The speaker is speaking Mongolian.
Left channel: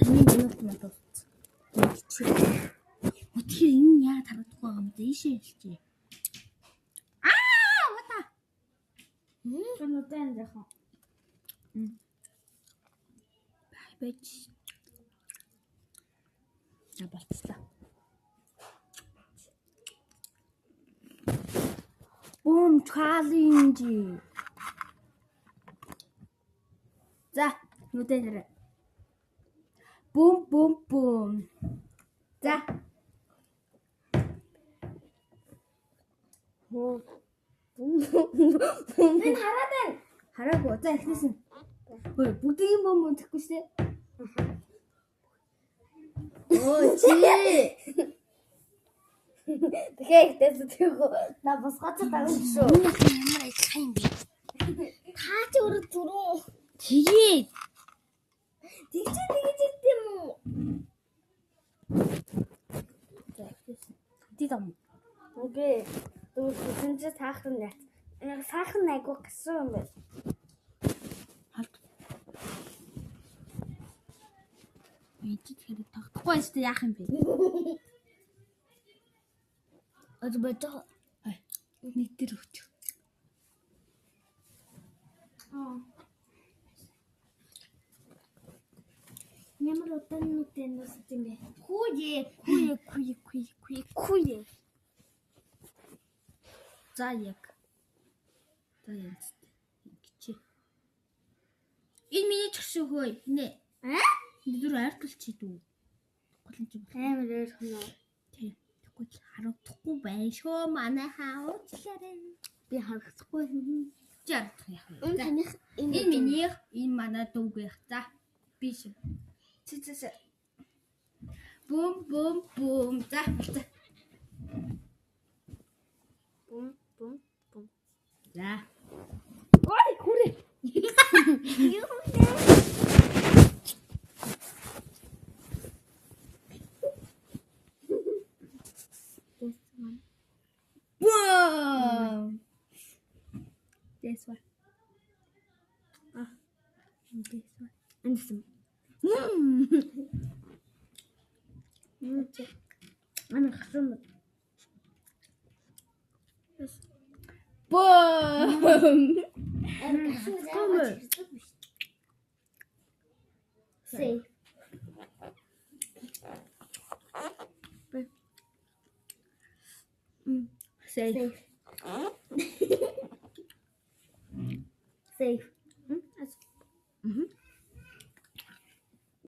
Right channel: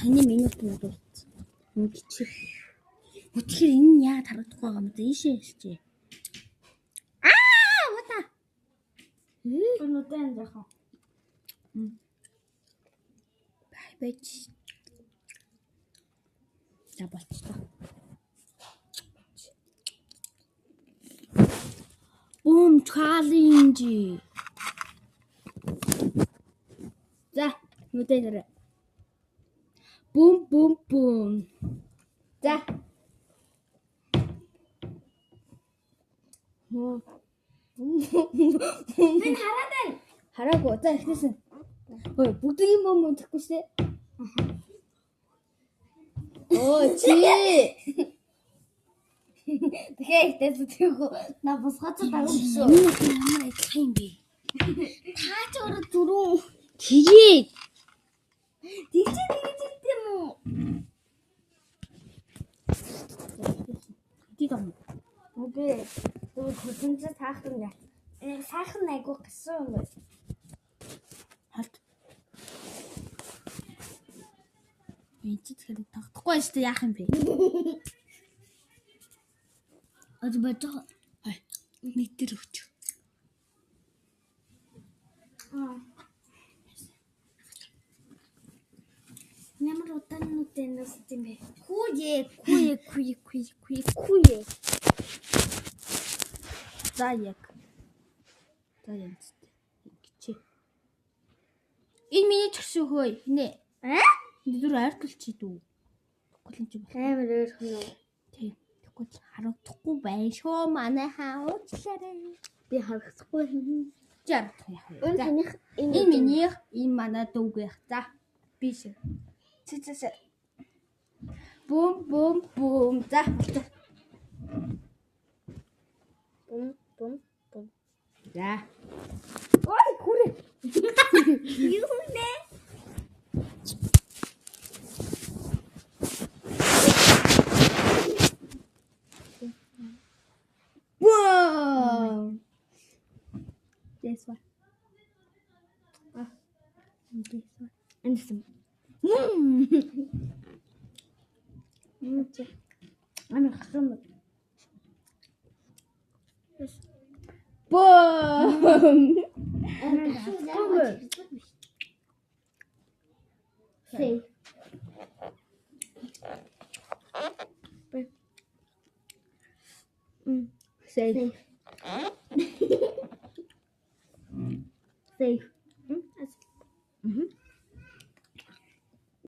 Саний минут надад үтчих. Өтгөр энэ яа тарагдахгүй байгаа юм бэ? Ийшээ хэлчихье. Вата. Өнөөдөр яах вэ? Байж. За болчихлоо. Boom challenge. За, нүдээр. Boom. За. Энэ хараад байна. Хараагүй. За эхнээс нь. Ой, бүгдийн бом унтахгүй шээ. Оо, чи. Тэгэхээр ихтэй зүтгэхөө на босгоцод авах шүү. Энэ ямар ажиллах юм бэ? Та ч өөрөө түрүү Тэгээд тэгж юм уу? Дидам. Үгүй. Түр хүсэнч саахан яа. Яг саахан айгуу гисэн юм байна. Халт. Энд тэгэхээр тогтохгүй шүү дээ яах юм бэ? Одбото. Ай. Нэг дээр өгч. Ямар удаан нүдэн нэсэт юм бэ? Куе. За яг. Чи. Энэ миний чгшөөхөө нэ. Нүдүр артлчих дүү. Голомж юм. Амар өөрхөн. Тий. Тэгвэл харагдахгүй байх шүү манай хаачлаарай. Би харахгүй. За. Энэ таних Энэ минийх, энэ манай дүүгийнх. За. Би шиг. Цэцэс. Бум. За. Бум. За. Ой, хүрээ. Юу нэ? Wow. This one. This one. And some. Ана хасан. Boom. Safe. Safe. Safe.